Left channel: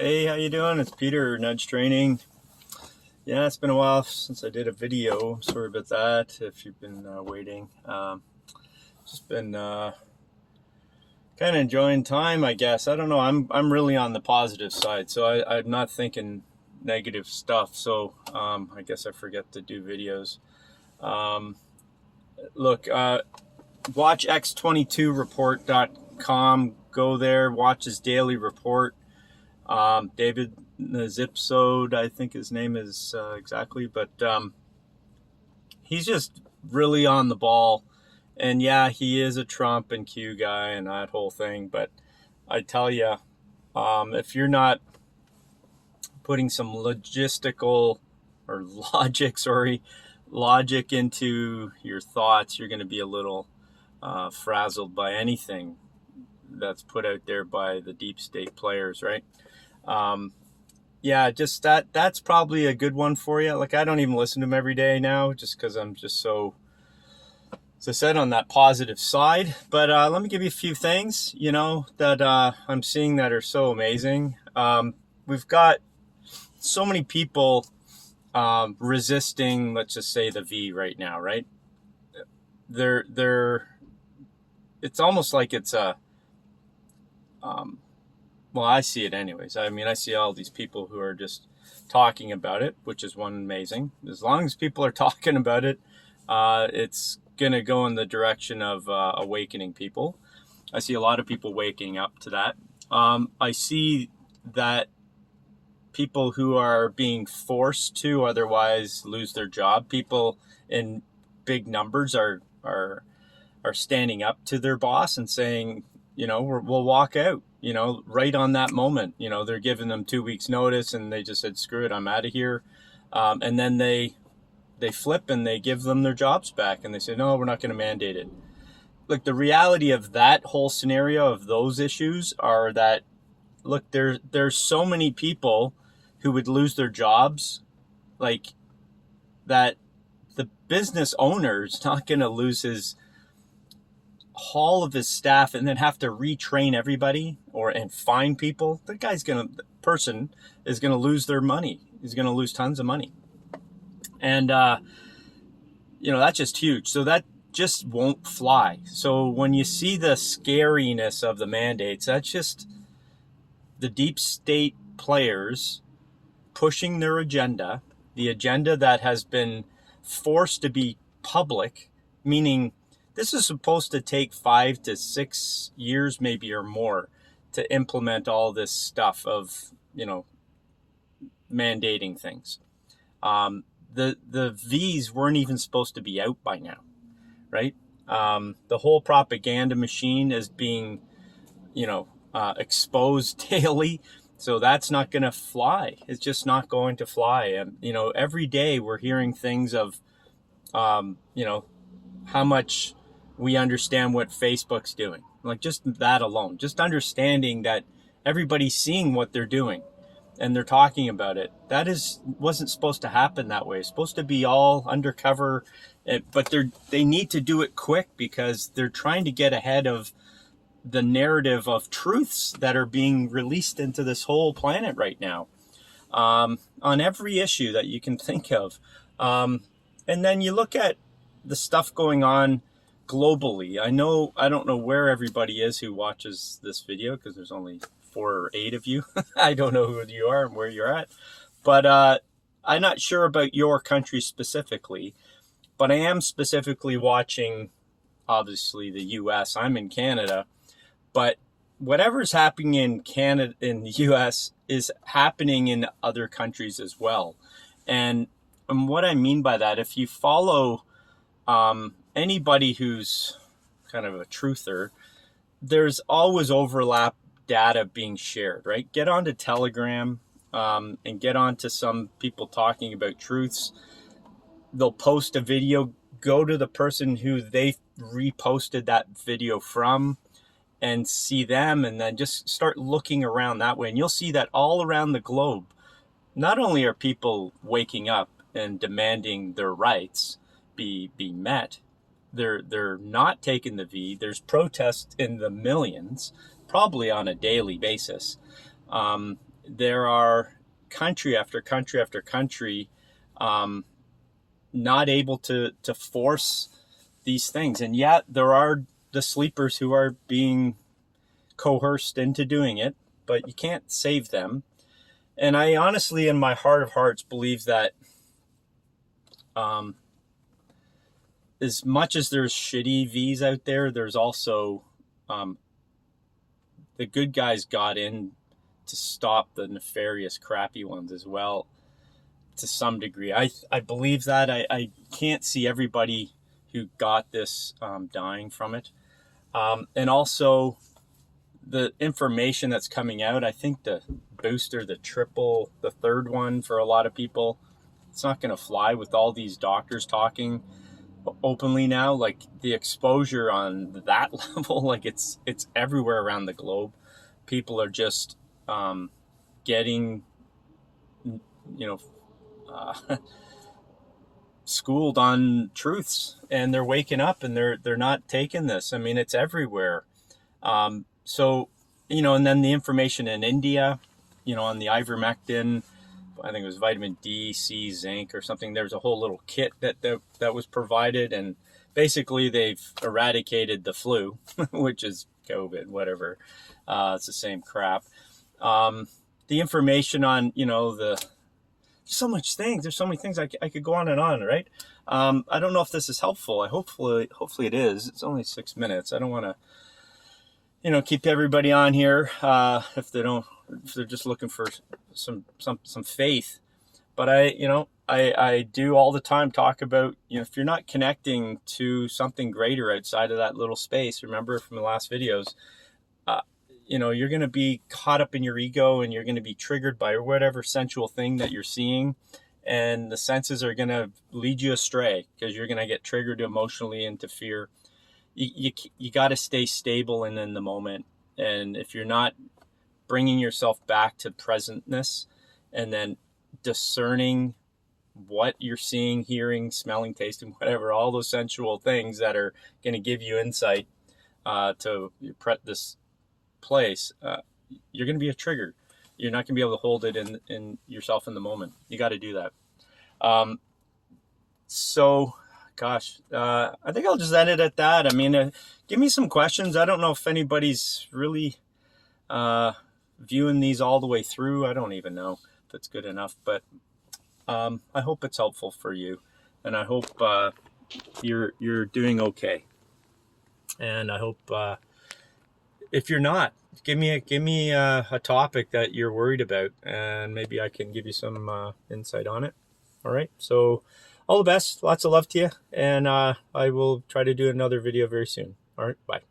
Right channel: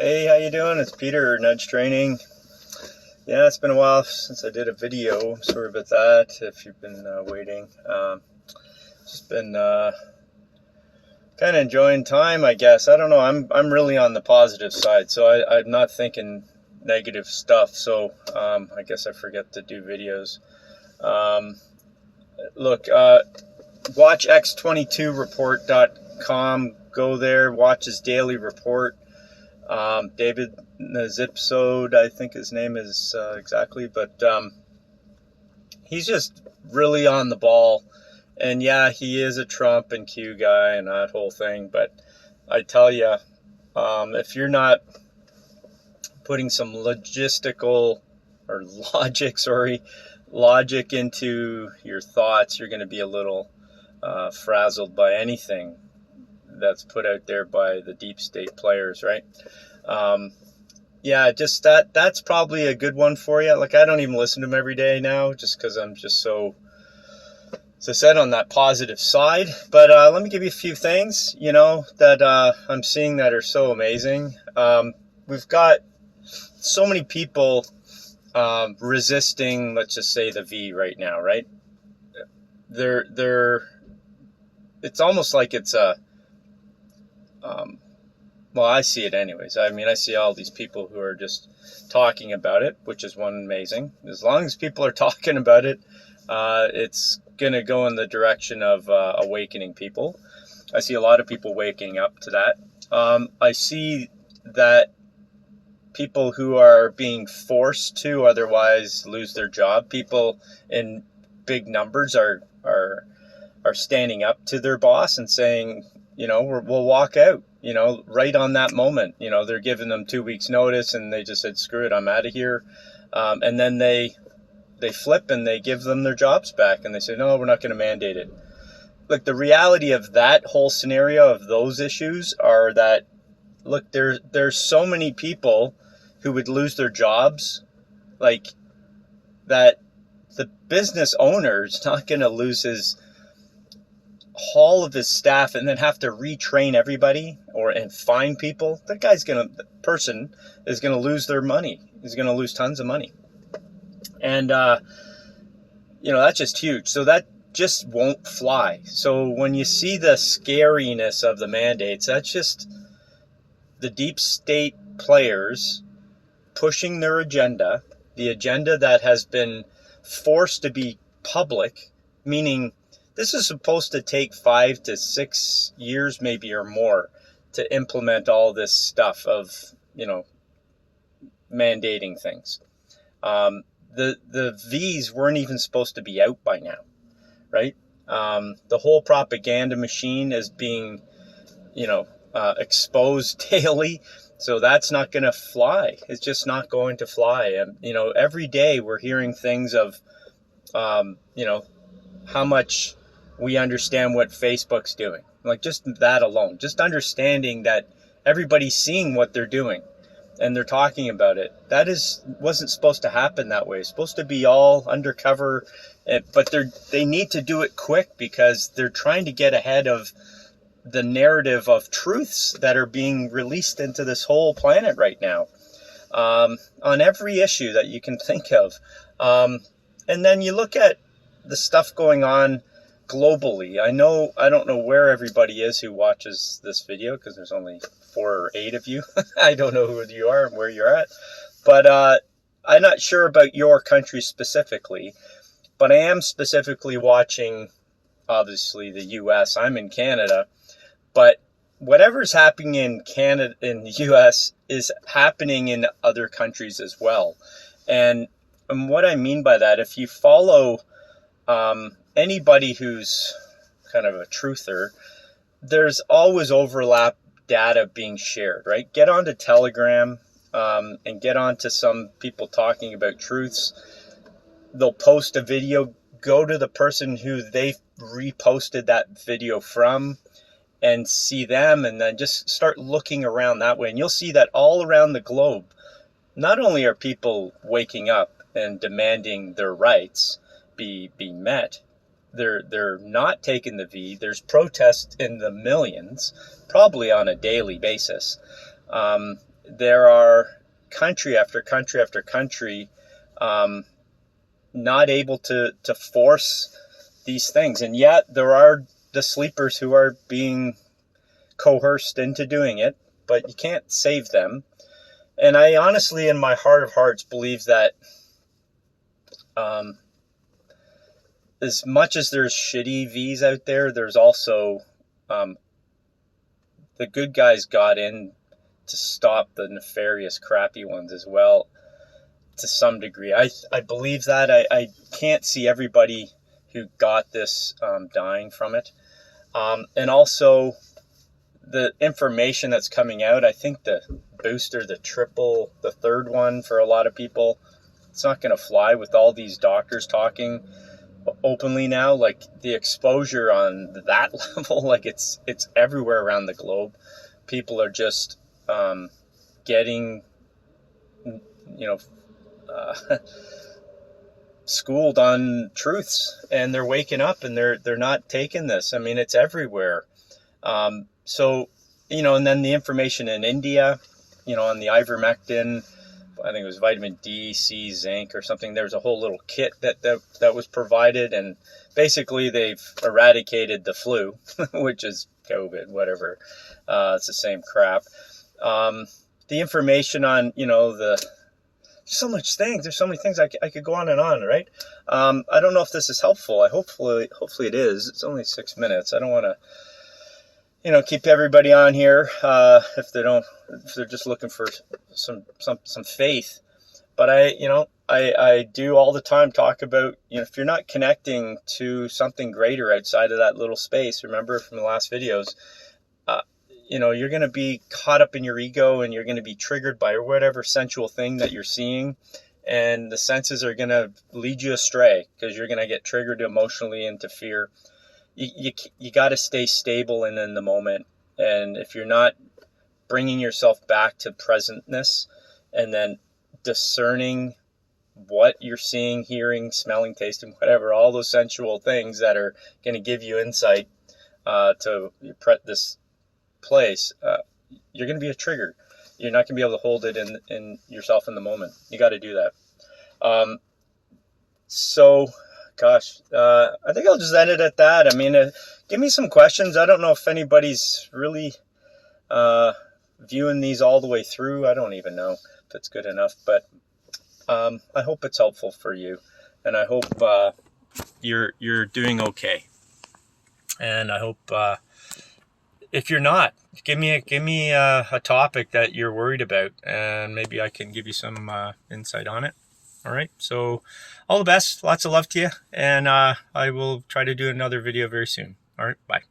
Hey, how you doing? It's Peter, Nudge Training. Yeah, it's been a while since I did a video. I'm sorry about that if you've been waiting. Just been kind of enjoying time, I guess. I don't know. I'm really on the positive side, so I'm not thinking negative stuff. So I guess I forget to do videos. Um, Look, watch x22report.com. Go there, watch his daily report. David Nazipsode, I think his name is exactly, but he's just really on the ball. And yeah, he is a Trump and Q guy and that whole thing. But I tell you, if you're not putting some logistical or logic into your thoughts, you're going to be a little frazzled by anything that's put out there by the deep state players, right? Yeah, just that's probably a good one for you. Like, I don't even listen to them every day now just because I'm just so, as I said, on that positive side. But let me give you a few things, that I'm seeing that are so amazing. We've got so many people resisting, let's just say, the V right now, right? It's almost like it's a, well, I see it anyways. I mean, I see all these people who are just talking about it, which is one amazing. As long as people are talking about it, it's going to go in the direction of awakening people. I see a lot of people waking up to that. I see that people who are being forced to otherwise lose their job, people in big numbers are standing up to their boss and saying, we'll walk out, right on that moment. They're giving them 2 weeks notice and they just said, screw it, I'm out of here. And then they flip and they give them their jobs back and they say, no, we're not going to mandate it. Look, the reality of that whole scenario of those issues are that, look, there's so many people who would lose their jobs, like that the business owner's not going to lose all of his staff and then have to retrain everybody and find people. The person is going to lose their money. He's going to lose tons of money. And, that's just huge. So that just won't fly. So when you see the scariness of the mandates, that's just the deep state players pushing their agenda, the agenda that has been forced to be public, meaning this is supposed to take 5 to 6 years, maybe, or more to implement all this stuff of, mandating things. The V's weren't even supposed to be out by now, right? The whole propaganda machine is being, exposed daily. So that's not going to fly. It's just not going to fly. And, every day we're hearing things of, how much we understand what Facebook's doing. Like, just that alone, just understanding that everybody's seeing what they're doing and they're talking about it. Wasn't supposed to happen that way. It's supposed to be all undercover, but they need to do it quick because they're trying to get ahead of the narrative of truths that are being released into this whole planet right now, on every issue that you can think of. And then you look at the stuff going on globally. I don't know where everybody is who watches this video because there's only 4 or 8 of you. I don't know who you are and where you're at, but I'm not sure about your country specifically, but I am specifically watching, obviously, the US. I'm in Canada. But whatever's happening in Canada, in the U.S., is happening in other countries as well. And what I mean by that, if you follow anybody who's kind of a truther, there's always overlap data being shared, right? Get onto Telegram and get onto some people talking about truths. They'll post a video, go to the person who they reposted that video from, and see them, and then just start looking around that way. And you'll see that all around the globe, not only are people waking up and demanding their rights be met, they're not taking the V. There's protests in the millions, probably on a daily basis. there are country after country after country not able to force these things. And yet there are the sleepers who are being coerced into doing it, but you can't save them. And I honestly, in my heart of hearts, believe that as much as there's shitty V's out there, there's also the good guys got in to stop the nefarious, crappy ones as well, to some degree. I believe that. I can't see everybody who got this dying from it. And also the information that's coming out, I think the booster, the triple, the third one for a lot of people, it's not going to fly with all these doctors talking openly now. Like the exposure on that level, like it's everywhere around the globe. People are just getting, schooled on truths, and they're waking up and they're not taking this. I mean, it's everywhere. So, and then the information in India, on the ivermectin, I think it was vitamin D, C, zinc or something. There's a whole little kit that was provided, and basically they've eradicated the flu, which is COVID, whatever. It's the same crap. The information on, there's so much things. There's so many things I could go on and on, right? I don't know if this is helpful. Hopefully it is. It's only 6 minutes. I don't want to, keep everybody on here if they're just looking for some faith. But I do all the time talk about, if you're not connecting to something greater outside of that little space, remember from the last videos, you're going to be caught up in your ego, and you're going to be triggered by whatever sensual thing that you're seeing. And the senses are going to lead you astray because you're going to get triggered emotionally into fear. You got to stay stable and in the moment. And if you're not bringing yourself back to presentness and then discerning what you're seeing, hearing, smelling, tasting, whatever, all those sensual things that are going to give you insight to this place, you're going to be a trigger. You're not going to be able to hold it in yourself in the moment. You got to do that. I think I'll just end it at that. I mean, give me some questions. I don't know if anybody's really viewing these all the way through. I don't even know if it's good enough, but I hope it's helpful for you, and I hope you're doing okay. And I hope if you're not, give me a topic that you're worried about, and maybe I can give you some insight on it. All right. So all the best. Lots of love to you. And I will try to do another video very soon. All right. Bye.